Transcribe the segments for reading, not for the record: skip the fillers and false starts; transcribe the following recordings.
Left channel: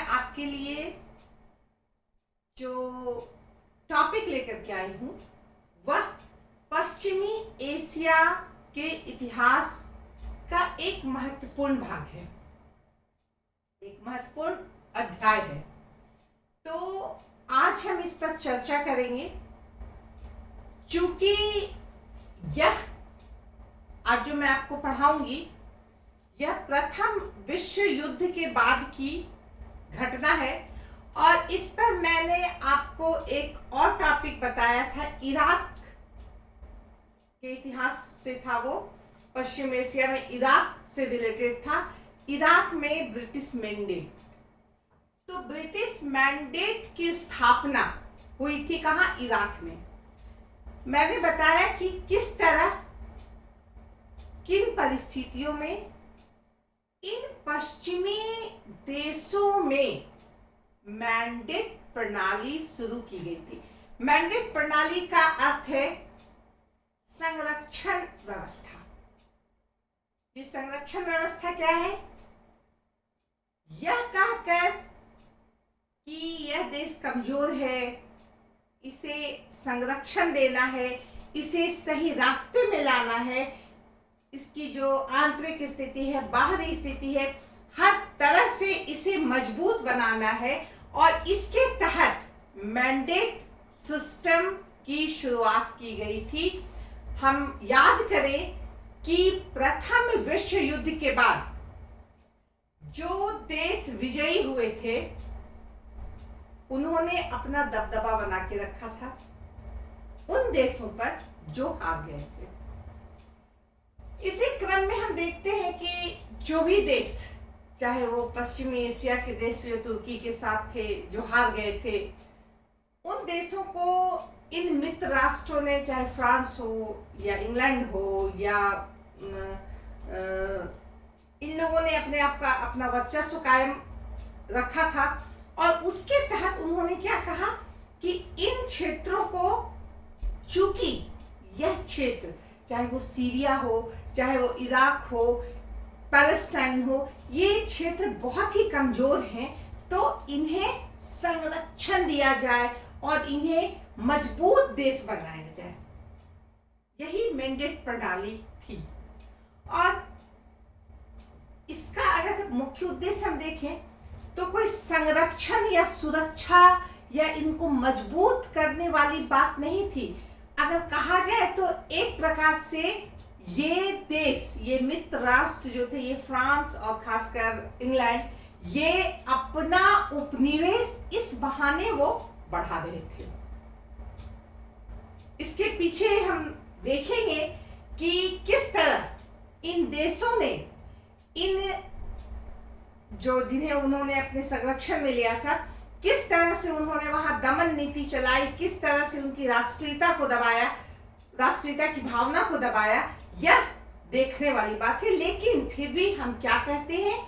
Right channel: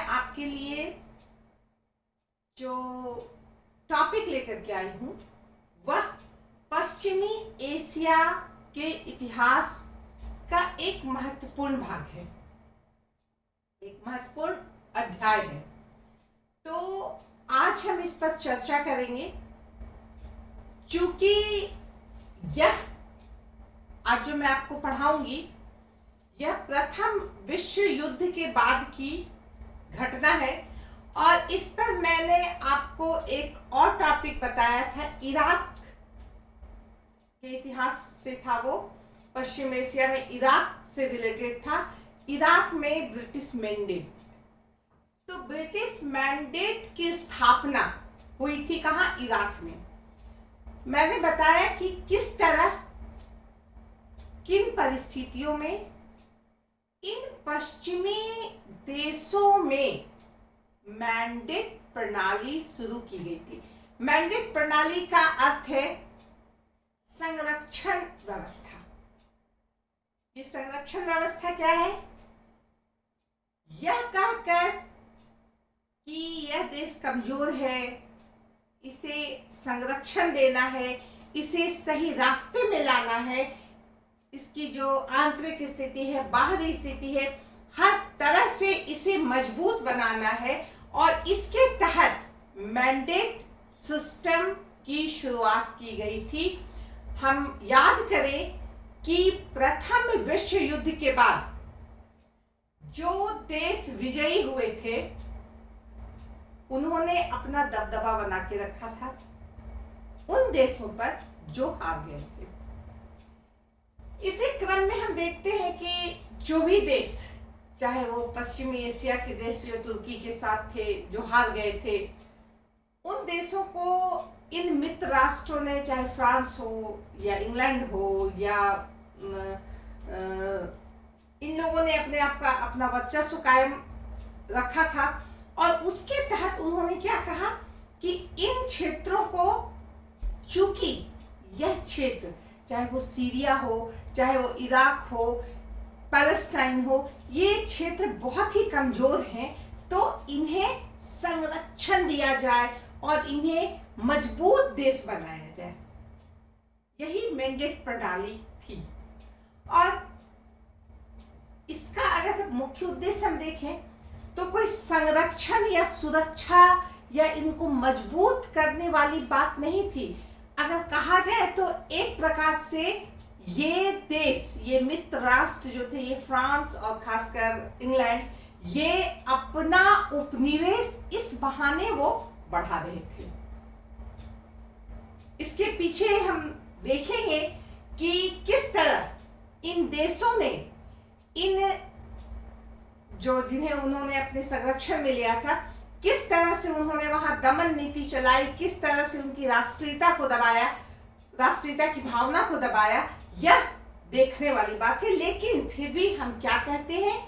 मैं आपके लिए जो टॉपिक लेकर के आई हूँ वह पश्चिमी एशिया के इतिहास का एक महत्वपूर्ण भाग है, एक महत्वपूर्ण अध्याय है। तो आज हम इस पर चर्चा करेंगे, क्योंकि यह आज जो मैं आपको पढ़ाऊंगी यह प्रथम विश्व युद्ध के बाद की घटना है। और इस पर मैंने आपको एक और टॉपिक बताया था, इराक के इतिहास से था, वो पश्चिम एशिया में इराक से रिलेटेड था। इराक में ब्रिटिश मैंडेट, तो ब्रिटिश मैंडेट की स्थापना हुई थी कहाँ? इराक में। मैंने बताया कि किस तरह, किन परिस्थितियों में इन पश्चिमी देशों में मैंडेट प्रणाली शुरू की गई थी। मैंडेट प्रणाली का अर्थ है संरक्षण व्यवस्था। ये संरक्षण व्यवस्था क्या है? यह कहकर कि यह देश कमजोर है, इसे संरक्षण देना है, इसे सही रास्ते में लाना है, इसकी जो आंतरिक स्थिति है, बाहरी स्थिति है, हर तरह से इसे मजबूत बनाना है। और इसके तहत मैंडेट सिस्टम की शुरुआत की गई थी। हम याद करें कि प्रथम विश्व युद्ध के बाद जो देश विजयी हुए थे उन्होंने अपना दबदबा बना के रखा था उन देशों पर जो हार गए थे। इसी क्रम में हम देखते हैं कि जो भी देश, चाहे वो पश्चिमी एशिया के देश जो तुर्की के साथ थे, जो हार गए थे, उन देशों को इन मित्र राष्ट्रों ने, चाहे फ्रांस हो या इंग्लैंड हो या इन लोगों ने अपने आप का अपना वर्चस्व कायम रखा था। और उसके तहत उन्होंने क्या कहा कि इन क्षेत्रों को, चूंकि यह क्षेत्र, चाहे वो सीरिया हो, चाहे वो इराक हो, पैलेस्टाइन हो, ये क्षेत्र बहुत ही कमजोर हैं, तो इन्हें संरक्षण दिया जाए और इन्हें मजबूत देश बनाया जाए। यही मैंडेट प्रणाली थी। और इसका अगर मुख्य उद्देश्य हम देखें तो कोई संरक्षण या सुरक्षा या इनको मजबूत करने वाली बात नहीं थी। अगर कहा जाए तो एक प्रकार से ये देश, ये मित्र राष्ट्र जो थे, ये फ्रांस और खासकर इंग्लैंड, ये अपना उपनिवेश इस बहाने वो बढ़ा रहे थे। इसके पीछे हम देखेंगे कि किस तरह इन देशों ने, इन जो जिन्हें उन्होंने अपने संरक्षण में लिया था, किस तरह से उन्होंने वहां दमन नीति चलाई, किस तरह से उनकी राष्ट्रीयता को दबाया, राष्ट्रीयता की भावना को दबाया, यह देखने वाली बात है। लेकिन फिर भी हम क्या कहते हैं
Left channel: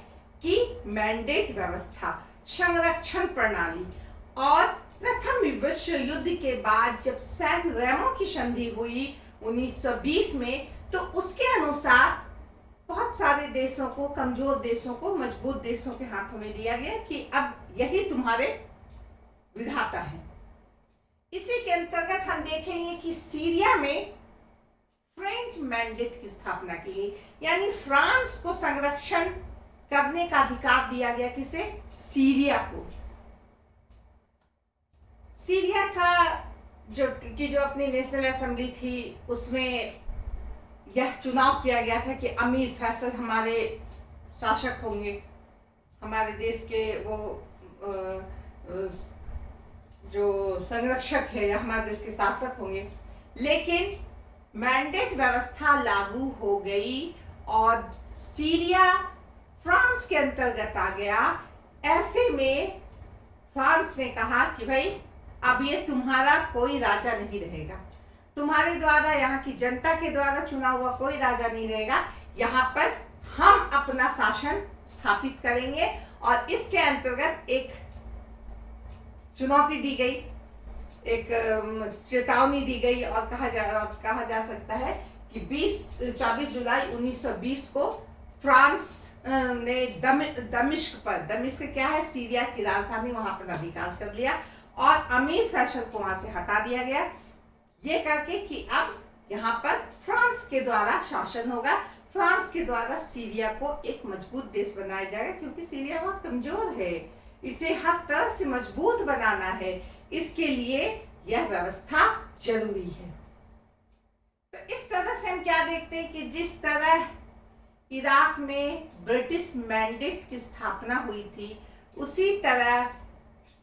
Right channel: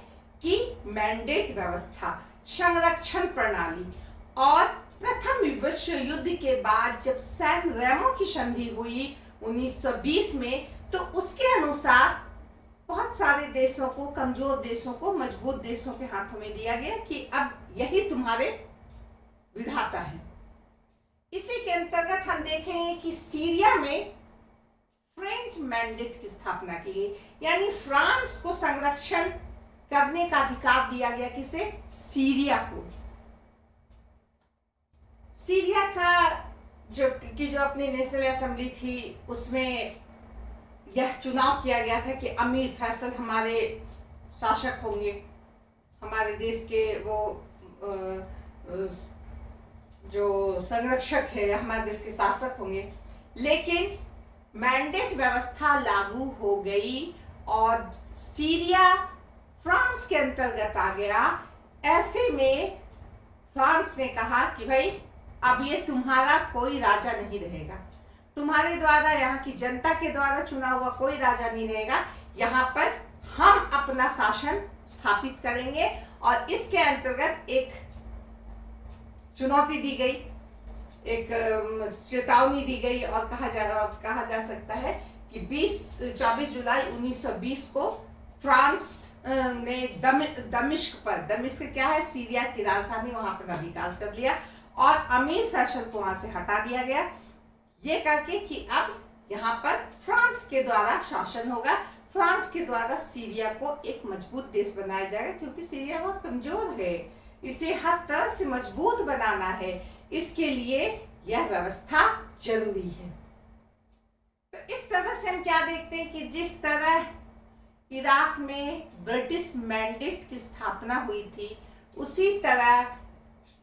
कि मैंडेट व्यवस्था, संरक्षण प्रणाली। और प्रथम विश्व युद्ध के बाद जब सैन रेमो की संधि हुई 1920 में, तो उसके अनुसार बहुत सारे देशों को, कमजोर देशों को मजबूत देशों के हाथों में दिया गया कि अब यही तुम्हारे विधाता है। इसी के अंतर्गत हम देखेंगे कि सीरिया में फ्रेंच मैंडेट की स्थापना की गई, यानी फ्रांस को संरक्षण करने का अधिकार दिया गया। किसे? सीरिया को। सीरिया का जो अपनी नेशनल असेंबली थी, उसमें यह चुनाव किया गया था कि अमीर फैसल हमारे शासक होंगे, हमारे देश के वो जो संरक्षक है, हमारे देश के शासक होंगे। लेकिन मैंडेट व्यवस्था लागू हो गई और सीरिया फ्रांस के अंतर्गत आ गया। ऐसे में फ्रांस ने कहा कि भाई अब ये तुम्हारा कोई राजा नहीं रहेगा, तुम्हारे द्वारा, यहाँ की जनता के द्वारा चुना हुआ कोई राजा नहीं रहेगा, यहाँ पर हम अपना शासन स्थापित करेंगे। और इसके अंतर्गत एक चुनौती दी गई, एक चेतावनी दी गई और कहा जा सकता है कि 24 जुलाई 1920 को फ्रांस ने दमिश्क क्या है, सीरिया की राजधानी, वहां पर अधिकार कर लिया और अमीर फैसल को वहां से हटा दिया गया, ये करके कि अब यहाँ पर फ्रांस के द्वारा शासन होगा, फ्रांस के द्वारा सीरिया को एक मजबूत देश बनाया जाएगा, क्योंकि सीरिया बहुत कमजोर है, इसे हर तरह से मजबूत बनाना है, इसके लिए यह व्यवस्था जरूरी है। तो इस तरह से हम क्या देखते हैं कि जिस तरह इराक में ब्रिटिश मैंडेट की स्थापना हुई थी, उसी तरह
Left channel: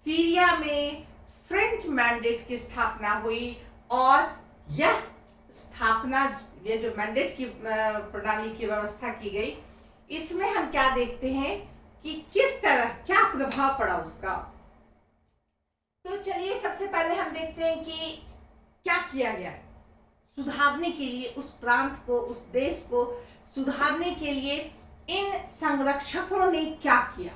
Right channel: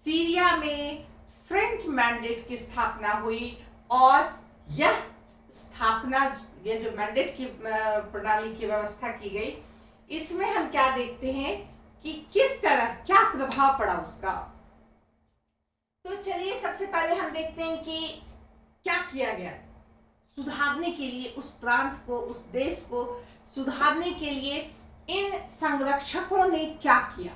सीरिया में फ्रेंच मैंडेट की स्थापना हुई और यह स्थापना, ये जो मैंडेट की प्रणाली की व्यवस्था की गई, इसमें हम क्या देखते हैं कि किस तरह क्या प्रभाव पड़ा उसका। तो चलिए सबसे पहले हम देखते हैं कि क्या किया गया सुधारने के लिए, उस प्रांत को, उस देश को सुधारने के लिए इन संरक्षकों ने क्या किया।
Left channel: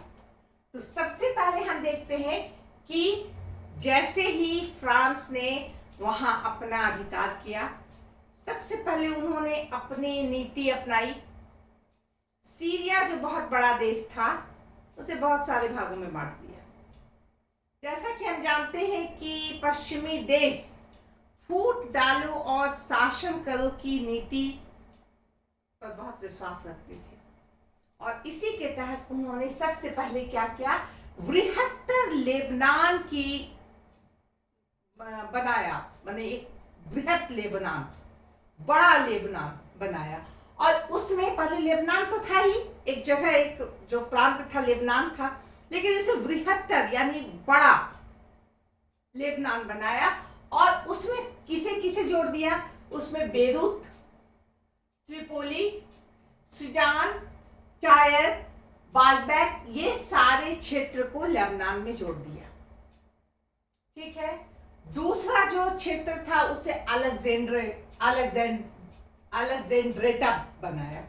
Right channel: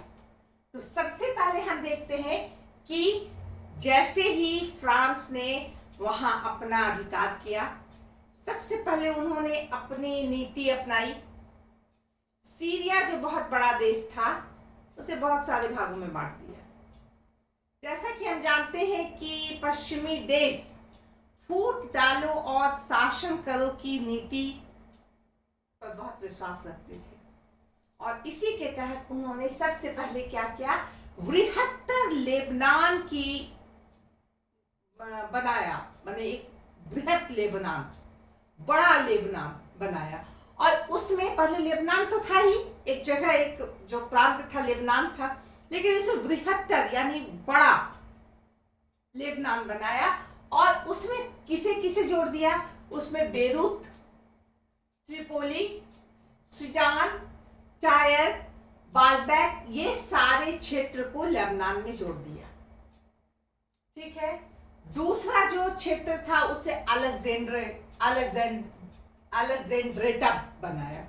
तो सबसे पहले हम देखते हैं कि जैसे ही फ्रांस ने वहां अपना अधिकार किया, सबसे पहले उन्होंने अपनी नीति अपनाई। सीरिया जो बहुत बड़ा देश था, उसे बहुत सारे भागों में बांट दिया। जैसा कि हम जानते हैं कि पश्चिमी देश फूट डालो और शासन करो की नीति पर बहुत विश्वास रखते थे, और इसी के तहत उन्होंने सबसे पहले क्या किया, बृहत्तर लेबनान की बनाया, माने एक बृहत लेबनान, बड़ा लेबनान बनाया। और उसमें पहले लेबनान तो था ही, एक जगह, एक जो प्रांत था लेबनान था, लेकिन इसे बृहत्तर यानी बड़ा लेबनान बनाया। और उसमें किसे किसे जोड़ दिया, उसमें बेरूत, त्रिपोली, सीडान, टायर, बालबैक, ये सारे क्षेत्र को लेबनान में जोड़ दिया। ठीक है। दूसरा जो क्षेत्र था उसे अलेक्जेंड्रेटा बनाया,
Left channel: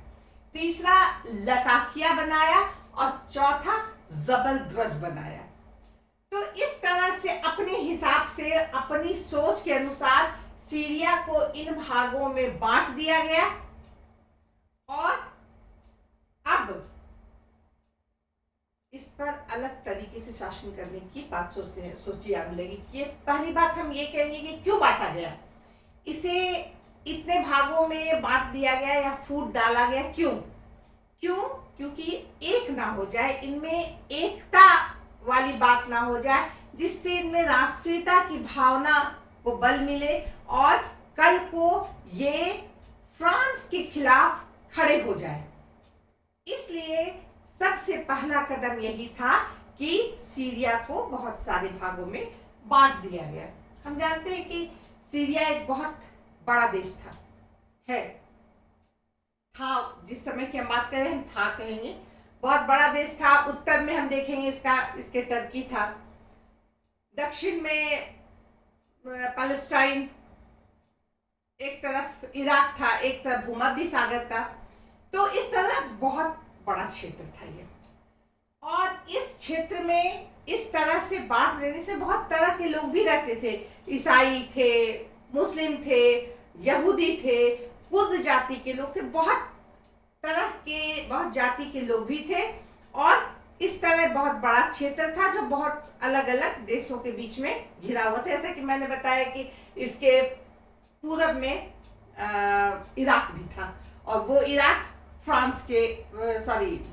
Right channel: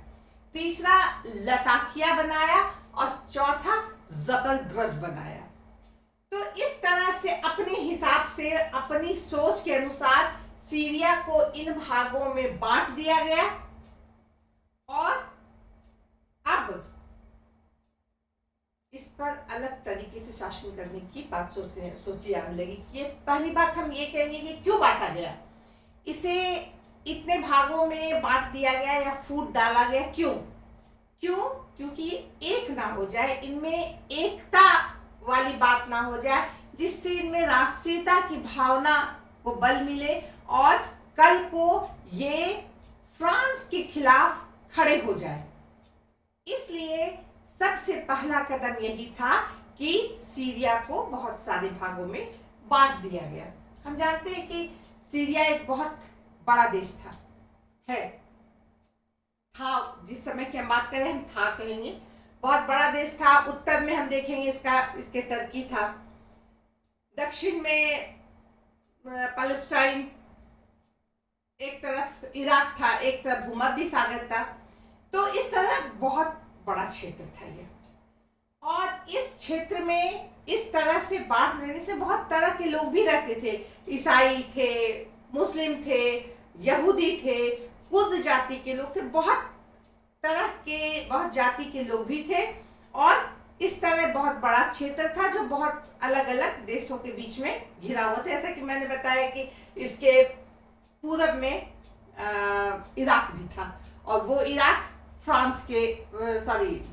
तीसरा लटाकिया बनाया और चौथा जबरदस्त बनाया। तो इस तरह से अपने हिसाब से, अपनी सोच के अनुसार सीरिया को इन भागों में बांट दिया गया। और अब इस पर अलग तरीके से शासन करने की बात सोची आने लगी। कि पहली बात हम ये कहेंगे कि क्यों बांटा गया, इसे इतने भागों में बांट दिया गया या फूट डाला गया, क्यों? क्योंकि एक ना हो जाए, इनमें एकता वाली बात ना हो जाए, जिससे इनमें राष्ट्रीयता की भावना को बल मिले और कल को ये फ्रांस के खिलाफ खड़े हो जाए। इसलिए सबसे पहला कदम यही था कि सीरिया को बहुत सारे भागों में बांट दिया गया। हम जानते हैं कि सीरिया एक बहुत बड़ा देश था, जिस समय की हम बात करें हम था कहेंगे, बहुत बड़ा देश था। उत्तर में हम देखेंगे इसके टर्की था, दक्षिण में पैलेस्टाइन, एक तरफ इराक था, एक तरफ भूमध्य सागर था। तो इस तरह बहुत बड़ा क्षेत्र था ये। और इस क्षेत्र में इस तरह से बांट देने से बहुत तरह के लोग भी रहते थे, ईसाई थे, मुस्लिम थे, यहूदी थे, कुर्द जाति के लोग थे, बहुत तरह के, बहुत जाति के लोग भी थे। और इस तरह बहुत बड़ा क्षेत्र था जो बहुत अलग अलग देशों के बीच में घिरा हुआ था। जैसा कि मैंने बताया कि इसके पूरब में इराक भी था, और वो इराक फ्रांस के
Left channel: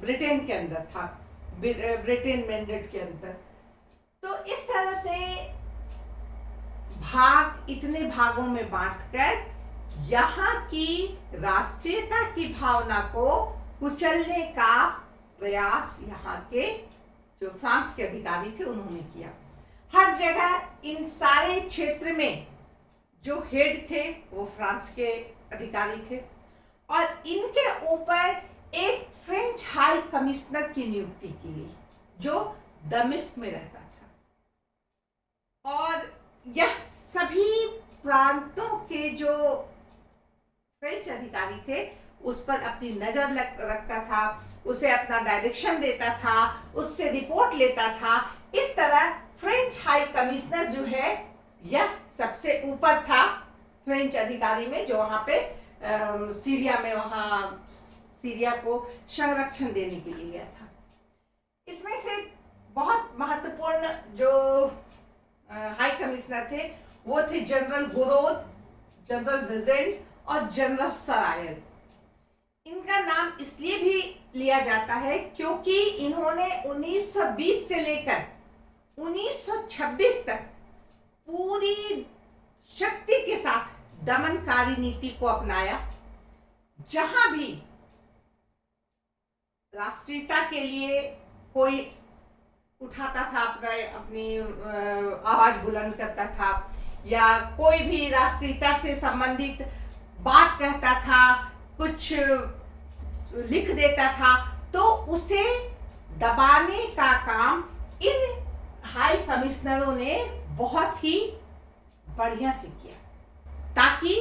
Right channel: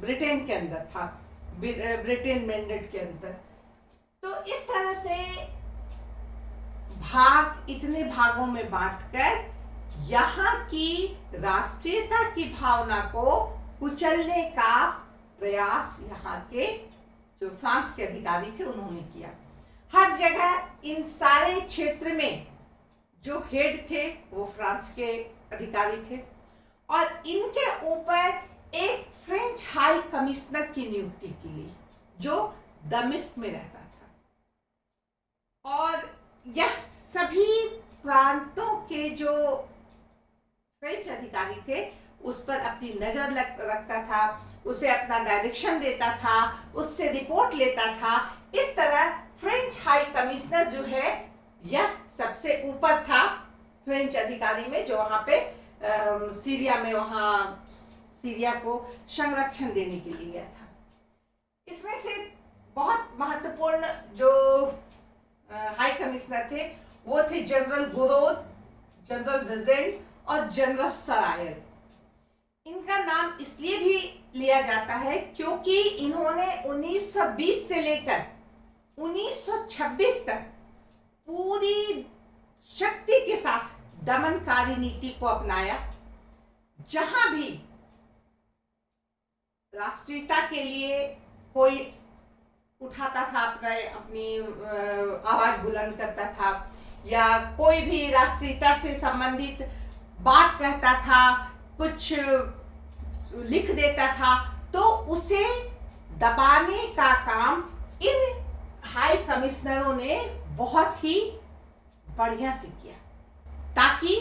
ब्रिटेन के अंदर था, ब्रिटेन मैंडेट के अंदर। तो इस तरह से इतने भागों में बांटकर यहाँ की राष्ट्रीयता की भावना को कुचलने का प्रयास यहाँ के जो फ्रांस के अधिकारी थे उन्होंने किया। हर जगह इन सारे क्षेत्र में जो हेड थे वो फ्रांस के अधिकारी थे, और इनके ऊपर एक फ्रेंच हाई कमिश्नर की नियुक्ति की गई जो दमिश्क में रहता था। और यह सभी प्रांतों के जो फ्रेंच अधिकारी थे उस पर अपनी नजर रखता था, उसे अपना डायरेक्शन देता था, उससे रिपोर्ट लेता था। इस तरह फ्रेंच हाई कमिश्नर जो है यह सबसे ऊपर था फ्रेंच अधिकारी में, जो वहां पे सीरिया में वहां सीरिया को संरक्षण देने के लिए गया था। इसमें से बहुत महत्वपूर्ण जो हाई कमिश्नर थे वो थे जनरल गुरोद, जनरल विजेंट और जनरल सरायल। इनका नाम इसलिए भी लिया जाता है क्योंकि इन्होंने 1920 से लेकर 1926 तक पूरी शक्ति के साथ दमनकारी नीति को अपनाया। जहां भी राष्ट्रीयता के लिए कोई उठाता था, अपनी आवाज बुलंद करता था, या कोई भी राष्ट्रीयता से संबंधित बात कहता था, कुछ लिख देता था, तो उसे दबाने का काम इन हाई कमिश्नरों ने बहुत ही बढ़िया से किया, ताकि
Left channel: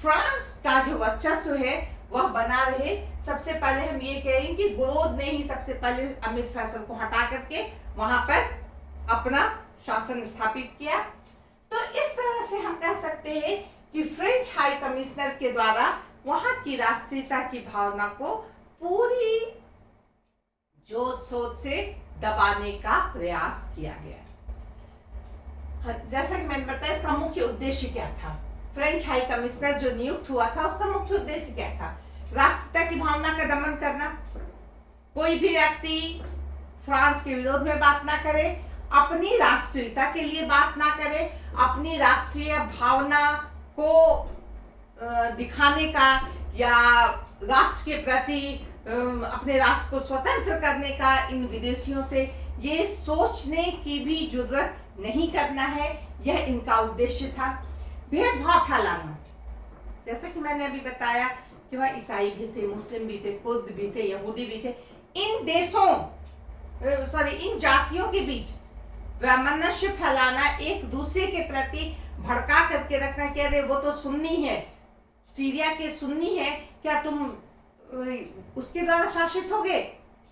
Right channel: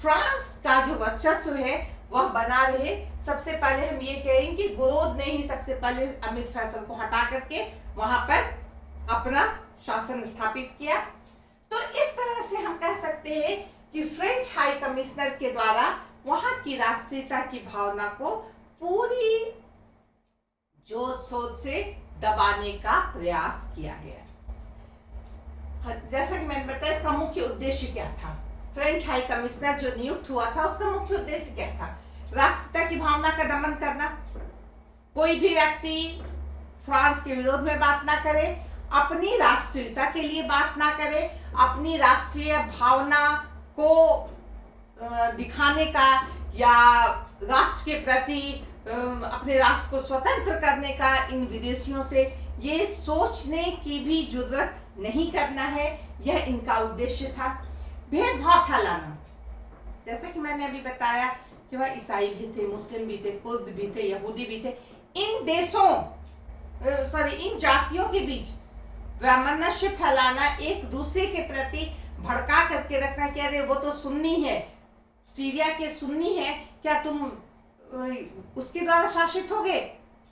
फ्रांस का जो वर्चस्व है वह बना रहे। सबसे पहले हम ये कहेंगे कि गुरोद ने ही सबसे पहले अमीर फैसल को हटा करके वहां पर अपना शासन स्थापित किया। तो इस तरह से हम कह सकते हैं कि फ्रेंच हाई कमिश्नर के द्वारा वहां की राष्ट्रीयता की भावना को पूरी जोर शोर से दबाने का प्रयास किया गया। जैसा कि मैंने बताया, इसका मुख्य उद्देश्य क्या था? फ्रेंच हाई कमिश्नर जो नियुक्त हुआ था उसका मुख्य उद्देश्य क्या था? राष्ट्रीयता की भावना का दमन करना। कोई भी व्यक्ति फ्रांस के विरोध में बात ना करे, अपनी राष्ट्रीयता के लिए बात ना करे, अपनी राष्ट्रीय भावना को दिखाने का या राष्ट्र के प्रति अपने राष्ट्र को स्वतंत्र करने का इन विदेशियों से ये सोचने की भी जरूरत नहीं करना है, यह इनका उद्देश्य था। भेदभाव फैलाना, जैसे कि मैंने अभी बताया कि वह ईसाई भी थे, मुस्लिम भी थे, कुर्द भी थे, यहूदी भी थे। इन जातियों के बीच वैमनस्य फैलाना, एक दूसरे के प्रति भड़का करके रखना कि अरे वो तो सुन्नी है, सीरिया के सुन्नी है, क्या तुम उसके द्वारा शासित हो गए?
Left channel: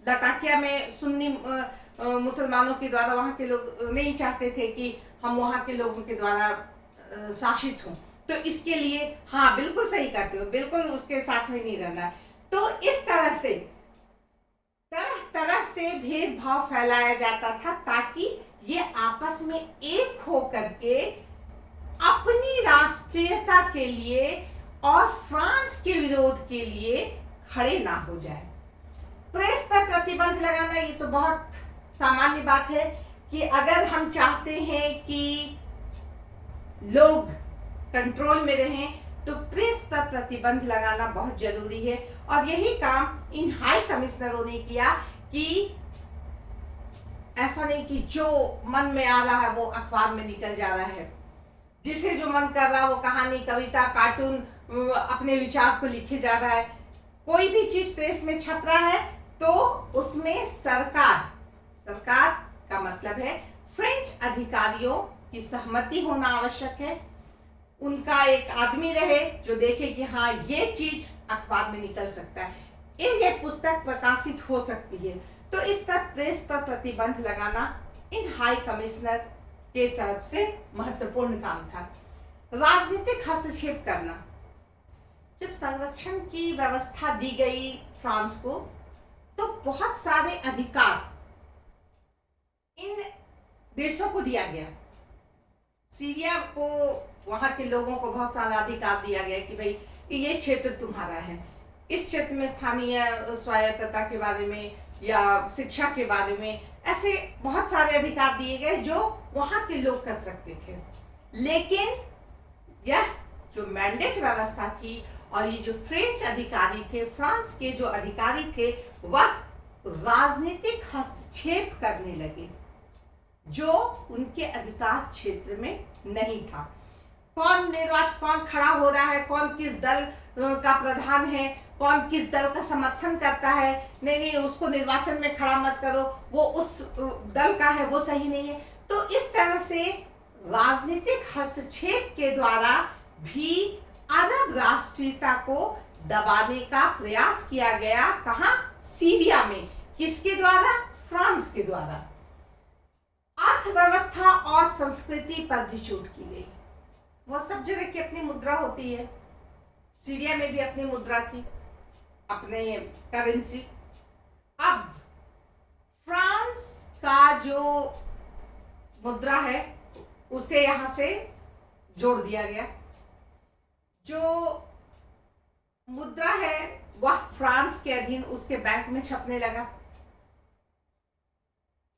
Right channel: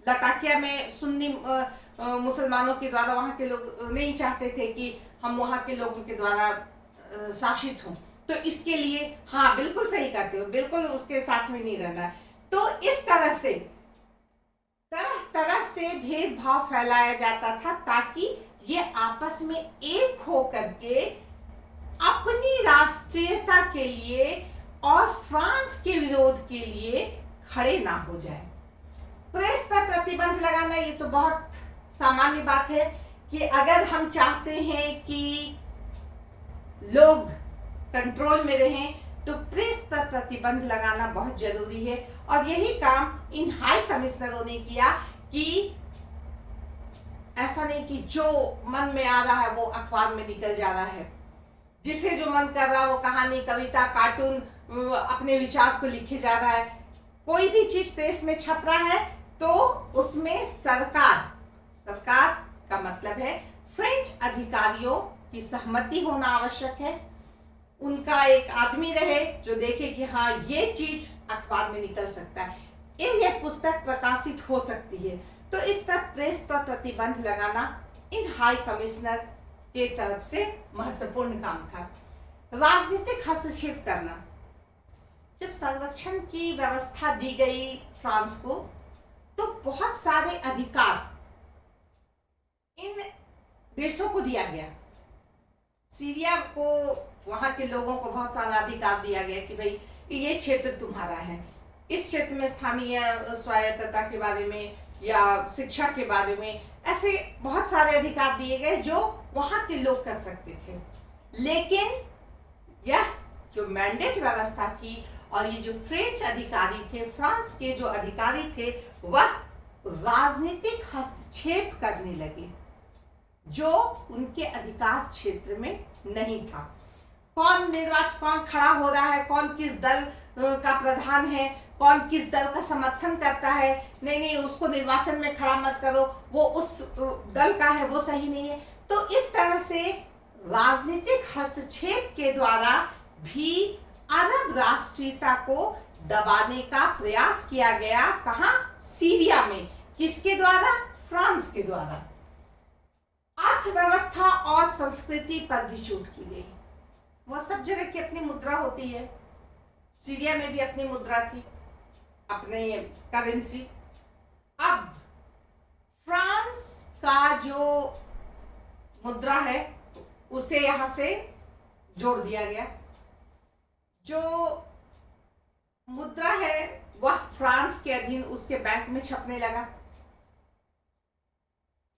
लटाकिया में सुन्नी मुसलमानों के द्वारा वहां के लोग नहीं चाहते थे कि हम वहां के लोगों के द्वारा शासित हों, तो इसके लिए हाँ बिल्कुल सही करते हो, बिल्कुल उसके साथ में नहीं रहना। तो इस तरह से तरह से भेदभाव फैलाया जाता था ताकि ये आपस में एक हो करके अपनी राष्ट्रीयता के लिए और फ्रांस के विरोध के लिए खड़े ना हो जाए। प्रेस पर प्रतिबंध लगाना ये तो बहुत सामान्य बात है कि अगर हम चाहते हैं कि लोग कंट्रोल में रहें तो प्रेस पर प्रतिबंध लगाना बहुत जरूरी है। और यही काम इन हाई कमिश्नरों ने किया कि ऐसा नहीं कि जो मन में आ रहा है वो अखबार में निकल जा रहा है, जिसे जो मन कर रहा है वो कहानी, कविता, कार्टून अपने विचार को लिखे जा रहा है। कोई भी चीज प्रेस में छप रहा है तो उसमें सरकार का मतलब है फ्रेंच अधिकारियों की सहमति होना आवश्यक है। उनका एक आदमी रहे जो देखे कि हाँ ये चीज अखबार में निकल सकता है, ये पुस्तक प्रकाशित हो सकती है। तो इस तक प्रेस पर प्रतिबंध लगाना इन हाई कमिश्नर के तरफ से महत्वपूर्ण काम था। राजनीतिक हस्तक्षेप करना, जब संरक्षण की व्यवस्था दी गई फ्रांस को तो बहुत सारे अधिकार इन देशों को दिया गया। सीरिया को, वहां के लोगों को बहुत सारा अधिकार दिया गया कि भाई ये क्षेत्र तुम्हारा है, इस क्षेत्र में स्थानीय स्वायत्तता के बारे में या शिक्षा के बारे में ऐसे बहुत सारे अधिकार दिए गए जो वहां के लोग कर सकते थे। लेकिन यह जो मैंडेट व्यवस्था थी और ये जो फ्रेंच अधिकारी थे, फ्रांस के जो अधिकारी थे, वह राजनीतिक हस्तक्षेप करने लगे जो उनके अधिकार क्षेत्र में नहीं था। कौन खड़ा हो रहा है, कौन किस दल का प्रधान है, कौन किस दल का समर्थन करता है, नहीं उसको निर्वाचन में खड़ा मत करो, वो उस दल का है, वो सही नहीं है। तो इस तरह से राजनीतिक हस्तक्षेप के द्वारा भी अरब राष्ट्रीयता को दबाने का प्रयास किया गया। कहां? सीरिया में। किसके द्वारा? फ्रांस के द्वारा। अर्थव्यवस्था और संस्कृति पर भी चोट की गई। वह सब जगह की अपनी मुद्रा होती है, सीरिया में भी अपनी मुद्रा थी, अपने करेंसी। अब फ्रांस का जो मुद्रा है उसे यहां से जोड़ दिया गया। जो मुद्रा है वह फ्रांस के अधीन उसके बैंक में छपने लगा।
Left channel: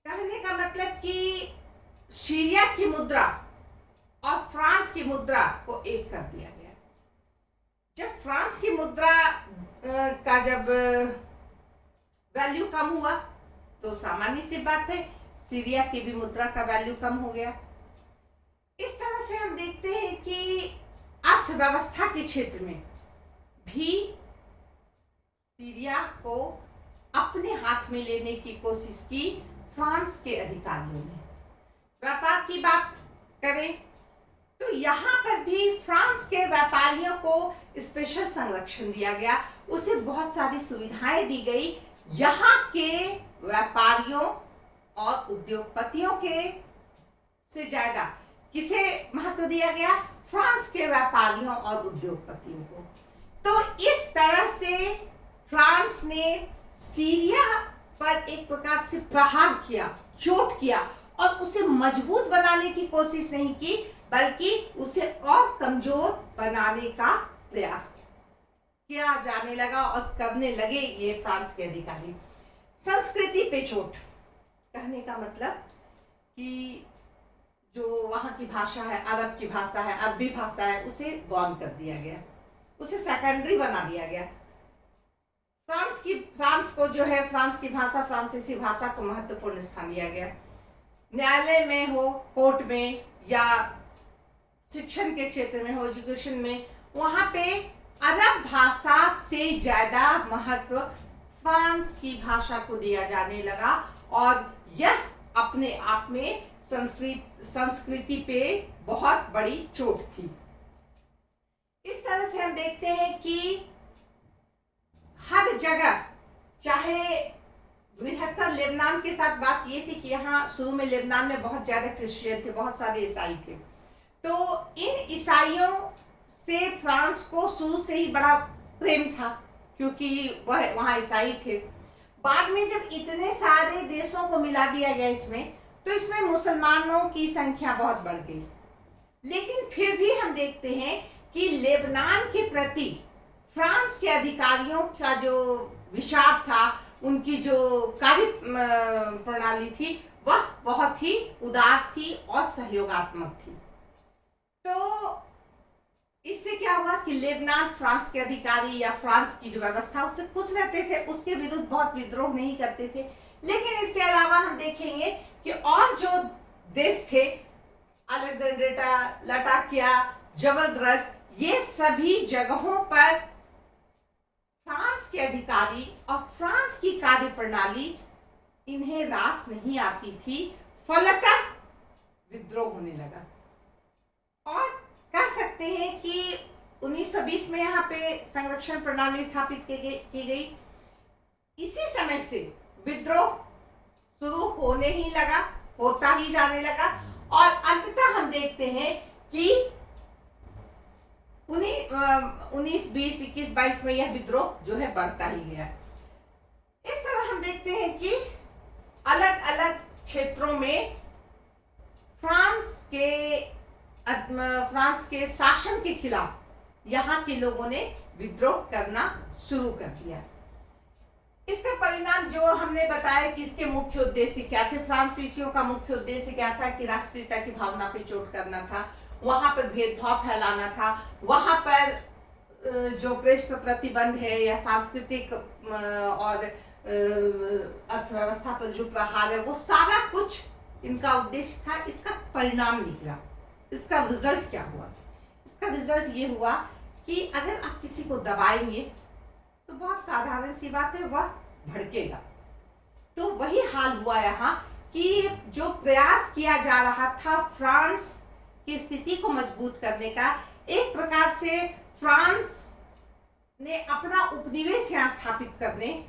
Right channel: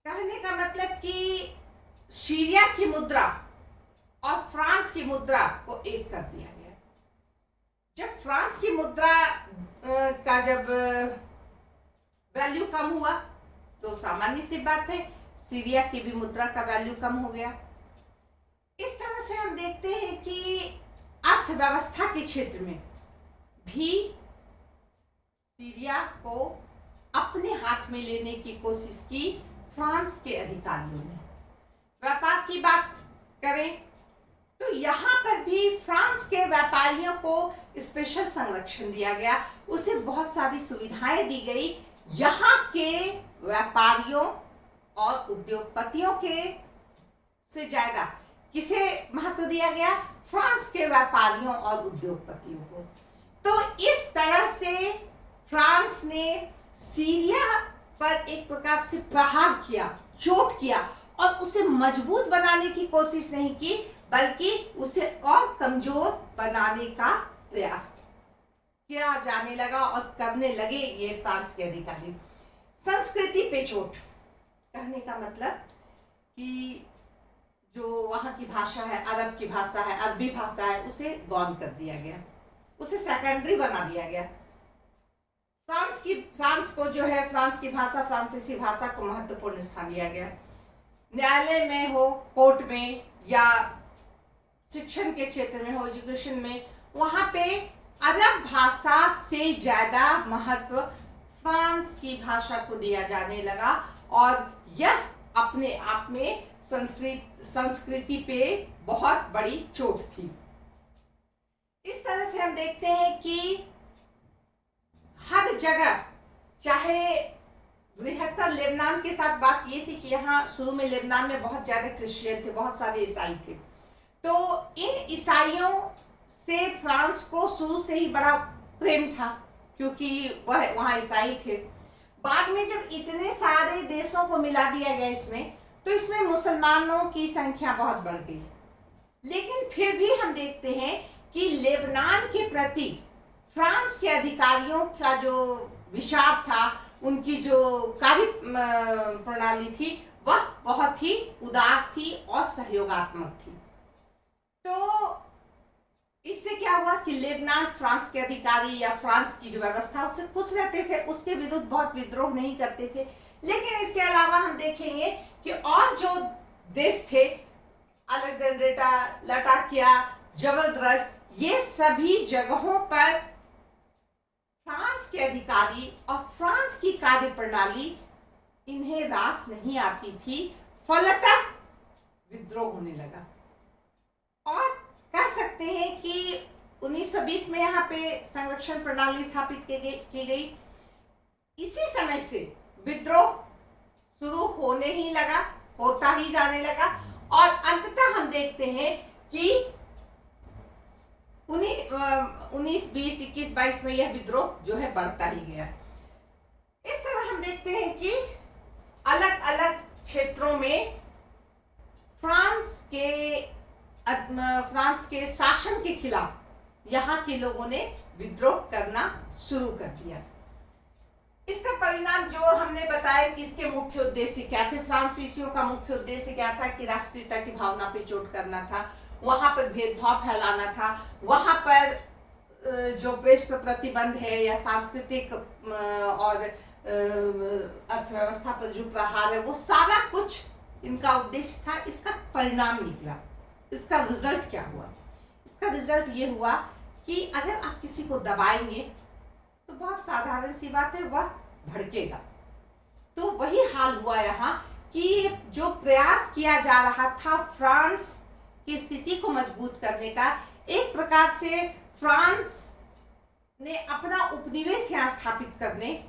कहने का मतलब कि सीरिया की मुद्रा और फ्रांस की मुद्रा को एक कर दिया गया। जब फ्रांस की मुद्रा का जब वैल्यू कम हुआ तो सामान्य सी बात है सीरिया की भी मुद्रा का वैल्यू कम हो गया। इस तरह से हम देखते हैं कि अर्थव्यवस्था के क्षेत्र में भी सीरिया को अपने हाथ में लेने की कोशिश की फ्रांस के अधिकारियों ने। व्यापार की बात करें तो यहाँ पर भी फ्रांस के व्यापारियों को स्पेशल संरक्षण दिया गया, उसे बहुत सारी सुविधाएं दी गई। यहाँ के व्यापारियों और उद्योगपतियों के से ज्यादा किसे महत्व दिया गया? फ्रांस के व्यापारियों और उद्योगपतियों को। तो इस तरह से फ्रांस ने सीरिया पर एक प्रकार से प्रहार किया, चोट किया और उसे मजबूत बनाने की कोशिश नहीं की बल्कि उसे और कमजोर बनाने का प्रयास किया जाने लगा और करने लगे ये फ्रांस के अधिकारी। संस्कृति पे चोट, कहने का मतलब कि जो वहां की भाषा है, अरब की भाषा है, अरबी भाषा है, उसे गौण कर दिया गया, उसे सेकेंडरी बना दिया गया। फ्रांस को जो है फ्रांस की भाषा, फ्रांसीसी भाषा को महत्वपूर्ण स्थान दिया गया। न्यायालय में हो, कोर्ट में या शिक्षण के क्षेत्र में हो, एजुकेशन में, वहां पे अरब भाषा से ज्यादा महत्व फ्रांस की भाषा को दिया जाने लगा और यह अपने आप में संस्कृति पे बहुत बड़ी चोट थी। इस तरह से हम देखते हैं कि हर जगह, चाहे बृहत्तर लेबनान के साथ बात ये थी कि यहाँ शुरू में लेबनान में बहुत ज्यादा क्रिश्चियन थे, बहुत सारे ईसाई थे, तो इन ईसाइयों से फ्रांस को शुरू से ही बड़ा प्रेम था क्योंकि वह वहाँ ईसाई थे। बाद में जब इतने सारे देशों को मिला दिया गया इसमें, तो इसमें मुसलमानों की संख्या बहुत बढ़ गई। लेकिन फिर भी हम देखते हैं कि लेबनान के प्रति फ्रांस के अधिकारियों का जो विचार था, उनकी जो कार्य प्रणाली थी, वह बहुत ही उदार थी और सहयोगात्मक थी। तो इससे क्या हुआ कि लेबनान फ्रांस के अधिकारी या फ्रांस की जो व्यवस्था उससे खुश रहते थे, उसके विरुद्ध बहुत विद्रोह नहीं करते थे। लेकिन इसके अलावा हम देखेंगे कि और जो देश थे, अलेक्जेंड्रेटा, लटाकिया, जबलद्रज, ये सभी जगहों पर फ्रांस के अधिकारी और फ्रांस की कार्य प्रणाली इन्हें रास नहीं आती थी, फलतः विद्रोह होने लगा। और कह सकते हैं कि 1920 में यहाँ पे संरक्षण प्रणाली स्थापित की गई। इसी समय से विद्रोह शुरू होने ही लगा, होता ही जाने लगा और अंततः हम देखते हैं कि 19, 20, 21, 22 में यह विद्रोह जो है बढ़ता ही गया। इस तरह हम देखते हैं कि अलग अलग क्षेत्रों में फ्रांस के शासन के खिलाफ यहाँ के लोगों ने विद्रोह करना शुरू कर दिया। इसका परिणाम जो हमने बताया कि इसके मुख्य उद्देश्य क्या थे, फ्रांसीसियों का मुख्य उद्देश्य क्या था कि राष्ट्रीयता की भावना पे चोट करना था, वहां पर भेदभाव फैलाना था, वहां पर जो प्रेस पर प्रतिबंध है या सांस्कृतिक और अर्थव्यवस्था पर जो प्रहार है, वो सारा कुछ इनका उद्देश्य था। इसका परिणाम निकला, इसका रिजल्ट क्या हुआ? इसका रिजल्ट ये हुआ कि अगर आप किसी को दबाएंगे तो बहुत साधारण सी बात है, वह भड़केगा। तो वही हाल हुआ यहाँ कि जो प्रयास किया जा रहा था फ्रांस की स्थिति को मजबूत करने का, एक प्रकार से फ्रांस ने अपना उपनिवेश यहाँ स्थापित करने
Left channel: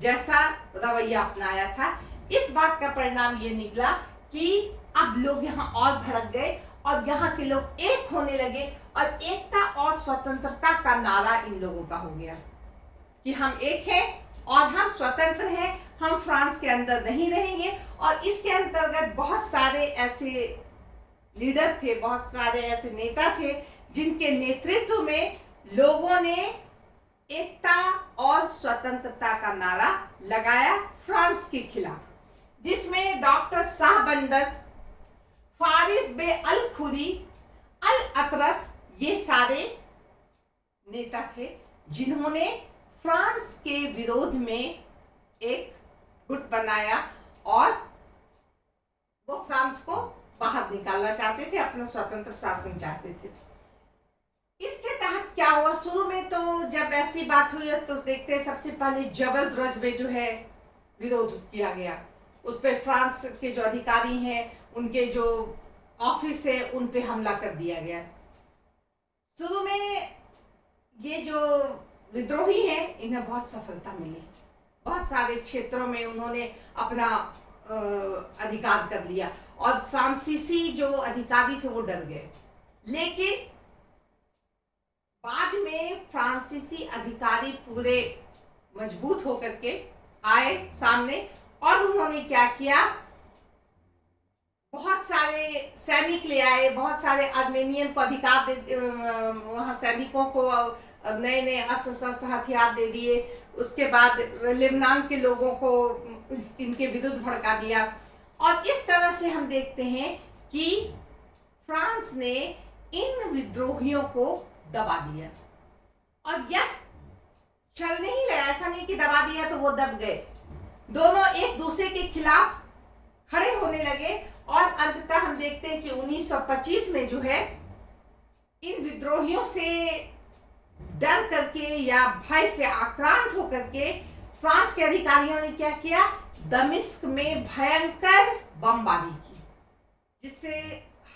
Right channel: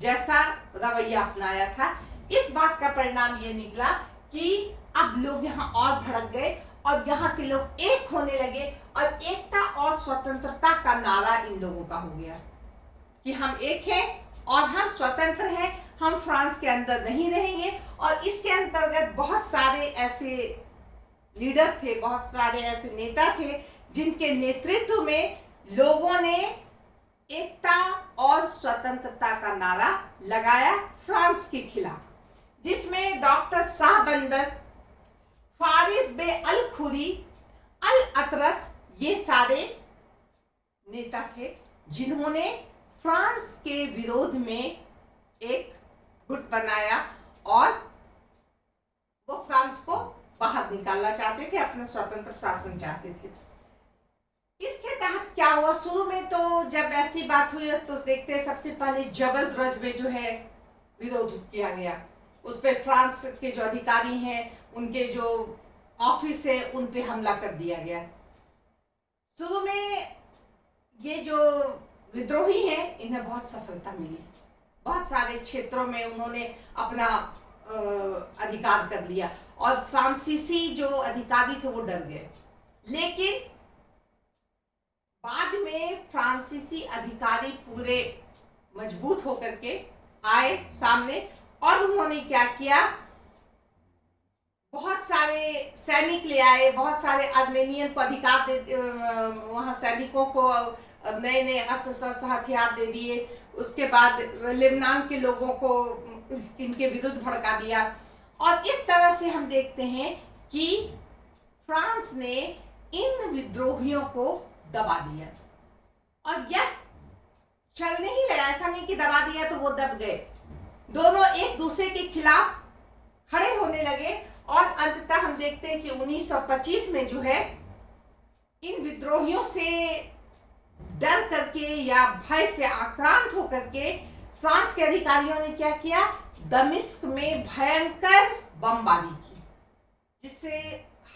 जैसा रवैया अपनाया था। इस बात का परिणाम ये निकला कि अब लोग यहाँ और भड़क गए और यहाँ के लोग एक होने लगे और एकता और स्वतंत्रता का नारा इन लोगों का हो गया। कि हम एक हैं और हम स्वतंत्र हैं, हम फ्रांस के अंदर नहीं रहेंगे। और इसके अंतर्गत बहुत सारे ऐसे लीडर थे, बहुत सारे ऐसे नेता थे जिनके नेतृत्व में लोगों ने एकता और स्वतंत्रता का नारा लगाया फ्रांस के खिलाफ, जिसमें डॉक्टर शाहबंदर, फारिस बे अल खुदी, अल अतरस, ये सारे नेता थे जिन्होंने फ्रांस के विरोध में एक गुट बनाया और वो फ्रांस को बाहर निकालना चाहते थे, अपना स्वतंत्र शासन चाहते थे। इसके तहत क्या हुआ, शुरू में तो जब ऐसी बात हुई तो देखते हैं सबसे पहले जबल द्रज में जो है विरोध किया गया, उस पे फ्रांस के जो अधिकारी हैं उनके जो ऑफिस है उन पे हमला कर दिया गया। शुरू में ये जो विद्रोही हैं इन्हें बहुत सफलता मिली, बहुत सारे क्षेत्रों में उन्होंने अपना अधिकार कर लिया और फ्रांसीसी जो अधिकारी थे वो डर गए। लेकिन बाद में फ्रांसीसी अधिकारी पूरे मजबूत होकर के आए सामने और उन्होंने क्या किया, बहुत सारे सैनिक ले आए, बहुत सारे आर्मेनियन को अधिकार दे, वहां सैनिकों को नए नए अस्त्र शस्त्र हथियार दे दिए। उसके बाद लेबनान के लोगों को इनके विरुद्ध भड़का दिया और इस तरह से हम देखते हैं कि फ्रांस ने इन विद्रोहियों को दबा दिया। और यह चलने ही लगा, ऐसा नहीं कि दबा दिया तो वो दब गए, दोनों एक दूसरे के खिलाफ खड़े होने लगे और अंततः हम देखते हैं कि 1925 में जो है इन विद्रोहियों से डर करके या भय से आक्रांत होकर के फ्रांस के अधिकारियों ने क्या किया, दमिश्क में भयंकर बमबारी की, जिससे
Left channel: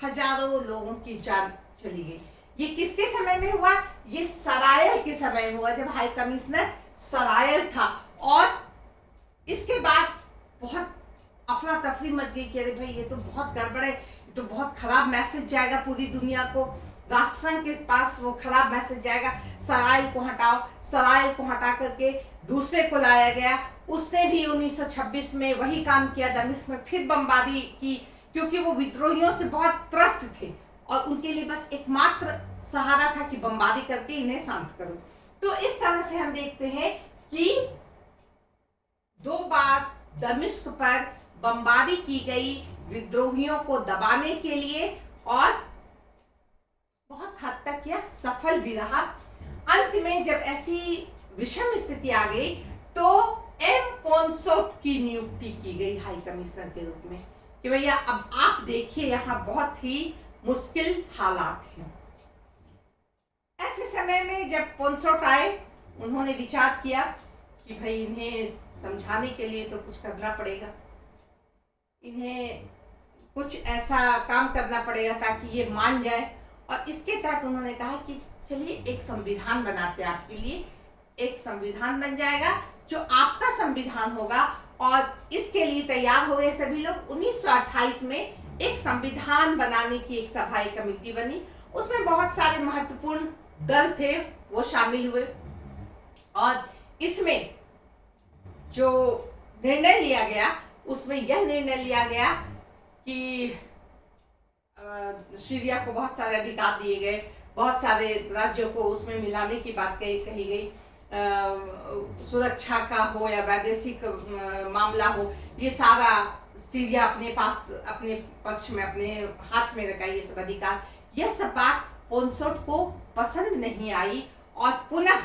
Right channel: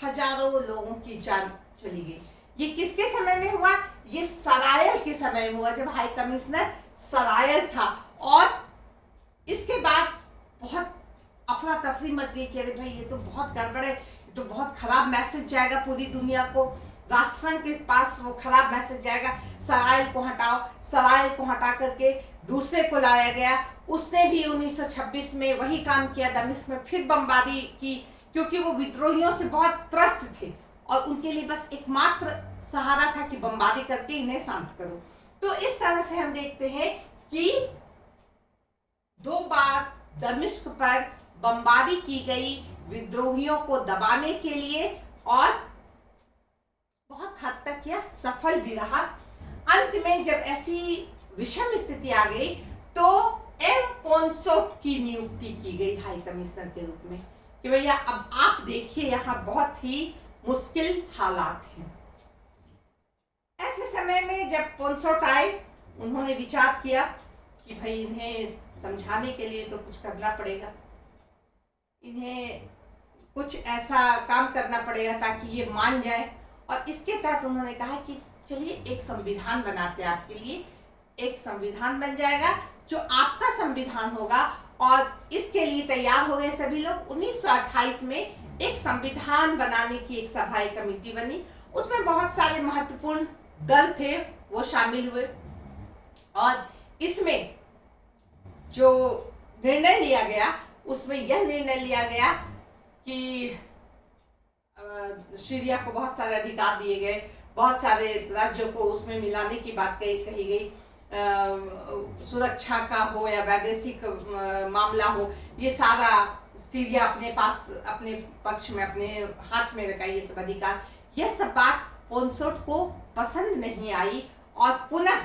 हजारों लोगों की जान चली गई। ये किसके समय में हुआ, ये सरायल के समय में हुआ, जब हाई कमिश्नर सरायल था। और इसके बाद बहुत अफरा तफरी मच गई कि अरे भाई ये तो बहुत गड़बड़ है, ये तो बहुत खराब मैसेज जाएगा पूरी दुनिया को, राष्ट्रसंघ के पास वो खराब मैसेज जाएगा, सरायल को हटाओ। सरायल को हटा करके दूसरे को लाया गया, उसने भी 1926 में वही काम किया, दमिश्क में फिर बमबारी की, क्योंकि वो विद्रोहियों से बहुत त्रस्त थे और उनके लिए बस एकमात्र सहारा था कि बमबारी करके इन्हें शांत करो। तो इस तरह से हम देखते हैं कि 2 बार दमिश्क पर बमबारी की गई विद्रोहियों को दबाने के लिए और बहुत हद तक यह सफल भी रहा। अंत में जब ऐसी विषम स्थिति आ गई तो एम पोंसोट की नियुक्ति की गई हाई कमिश्नर के रूप में कि भैया अब आप देखिए यहाँ बहुत ही मुश्किल हालात हैं। ऐसे समय में जब पोंसोट आए, उन्होंने विचार किया कि भाई इन्हें समझाने के लिए तो कुछ करना पड़ेगा, इन्हें कुछ ऐसा काम करना पड़ेगा ताकि ये मान जाए। और इसके तहत उन्होंने कहा कि चलिए एक संविधान बनाते हैं आपके लिए, एक संविधान बन जाएगा जो आपका संविधान होगा। और इसके लिए तैयार हो गए सभी लोग। 1928 में एक संविधान बनाने की एक सभा कमेटी बनी, उसमें बहुत सारे महत्वपूर्ण दल थे वो शामिल हुए और इसमें जो निर्णय लिया गया उसमें यह निर्णय लिया गया कि सीरिया को बहुत सारे अधिकार दिए गए, बहुत सारे राज्यों को उसमें मिलाने की बात कही गई, सुरक्षा का हो या वैदेशिक मामला हो, ये सारा सीरिया अपने पास, अपने पक्ष में, अपने हाथ में रखा ये सब अधिकार। यह सब बात पोंसोट को पसंद नहीं आई और पुनः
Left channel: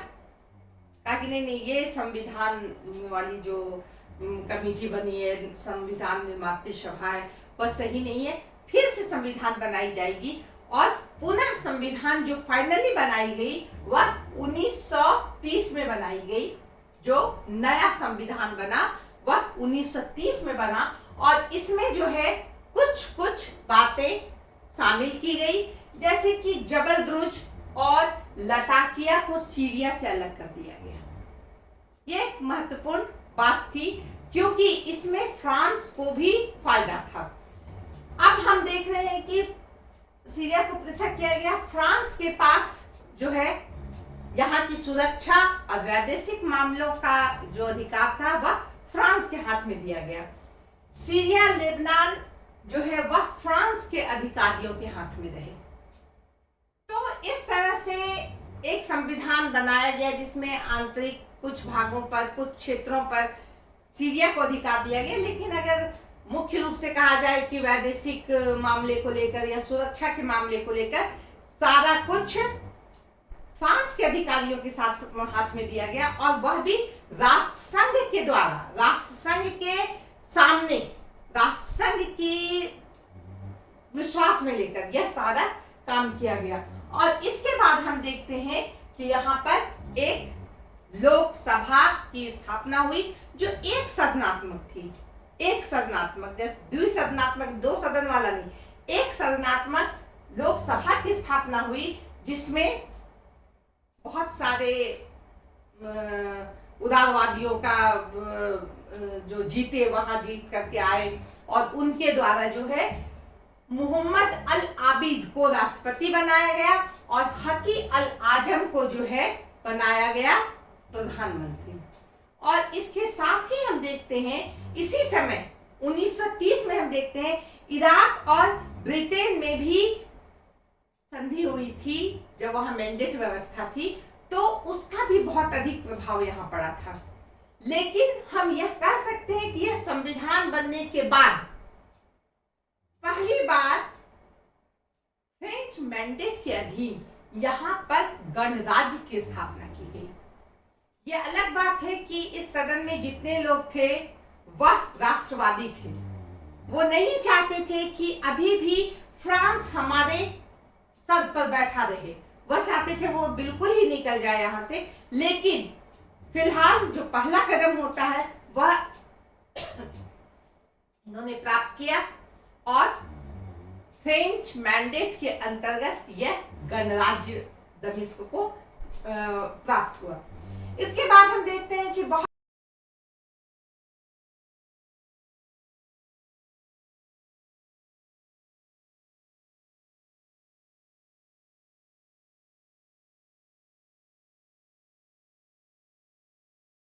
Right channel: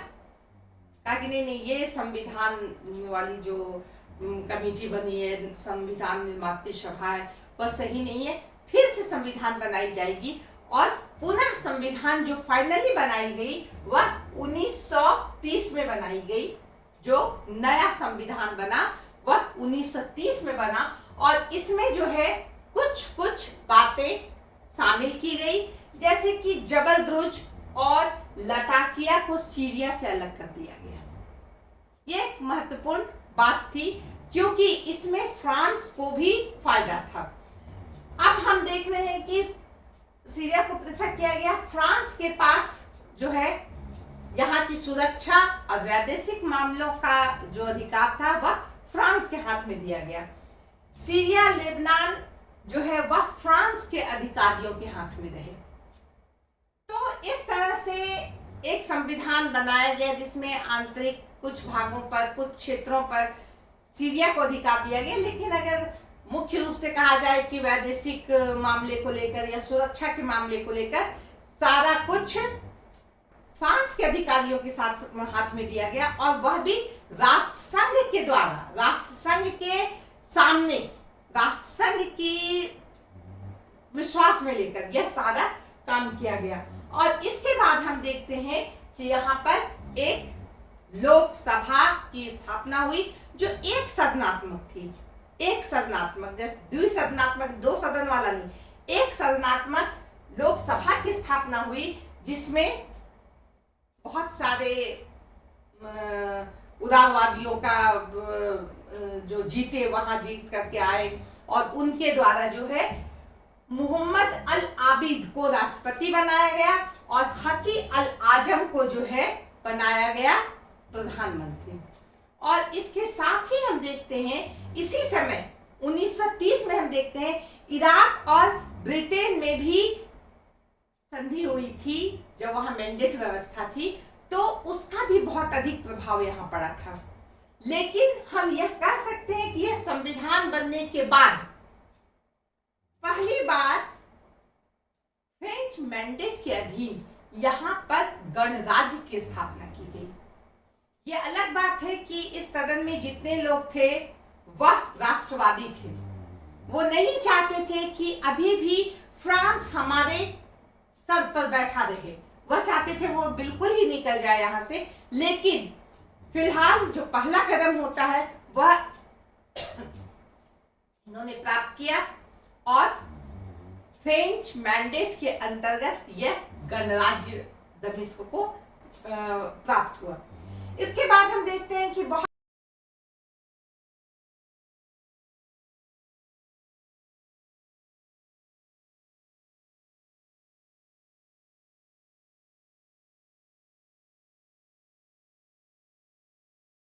कहा कि नहीं, ये संविधान वाली जो कमेटी बनी है, संविधान निर्मात्री सभा है, वह सही नहीं है, फिर से संविधान बनाई जाएगी। और पुनः संविधान जो फाइनली बनाई गई वह 1930 में बनाई गई। जो नया संविधान बना वह 1930 में बना और इसमें जो है कुछ कुछ बातें शामिल की गई, जैसे कि जबल द्रुज और लटाकिया को सीरिया से अलग कर दिया गया। यह एक महत्वपूर्ण बात थी क्योंकि इसमें फ्रांस को भी फायदा था। अब हम देख रहे हैं कि सीरिया को पृथक किया गया, फ्रांस के पास जो है यहाँ की सुरक्षा और वैदेशिक मामलों का जो अधिकार था वह फ्रांस के हाथ में दिया गया। सीरिया लेबनान जो है वह फ्रांस के अधिकारियों के हाथ में रहे। तो इस तरह से एक संविधान बनाया गया जिसमें आंतरिक कुछ भागों पर, कुछ क्षेत्रों पर सीरिया को अधिकार दिया गया, लेकिन अगर मुख्य रूप से कहा जाए कि वैदेशिक मामले को लेकर या सुरक्षा के मामले को लेकर सारा कुछ फ्रांस के अधिकारियों के साथ हाथ में दिया गया, और वह भी राष्ट्रसंघ के द्वारा, राष्ट्रसंघ के सामने, राष्ट्रसंघ की विश्वास में लेकर यह सारा काम किया गया। और इसके बाद हम देखते हैं कि यहाँ पर एक लोकसभा की स्थापना हुई जो एक सदनात्मक थी, एक सदनात्मक, जैसे द्विसदनात्मक, दो सदन वाला नहीं, एक सदनात्मक लोकसभा की स्थापना हुई जिसमें बहुत सारे उदारवादियों का जो जीते वहां जीत करके आए, और उनके द्वारा जो है मोहम्मद अल आबिद को राष्ट्रपति बनाया गया और हकी अल आजम को जो है बनाया गया प्रधानमंत्री। और इसके साथ ही हम देखते हैं इसी समय 1930 में हम देखते हैं इराक और ब्रिटेन में भी संधि हुई थी, जब वहां मैंडेट व्यवस्था थी, तो उसका भी बहुत अधिक प्रभाव यहाँ पड़ा था। लेकिन हम यह कह सकते हैं कि यह संविधान बनने के बाद पहली बार फ्रेंच मैंडेट के अधीन यहाँ पर गणराज्य की स्थापना की गई। यह अलग बात है कि इस सदन में जितने लोग थे वह राष्ट्रवादी थे, वो नहीं चाहते थे कि अभी भी फ्रांस हमारे सर पर बैठा रहे, वह चाहते थे वो बिल्कुल ही निकल जाए यहाँ से। लेकिन फिलहाल जो पहला कदम होता है वह इन्होंने प्राप्त किया और फ्रेंच मैंडेट के अंतर्गत यह गणराज्य दमिश्क को प्राप्त हुआ। इसके बाद हम देखते हैं कि बहुत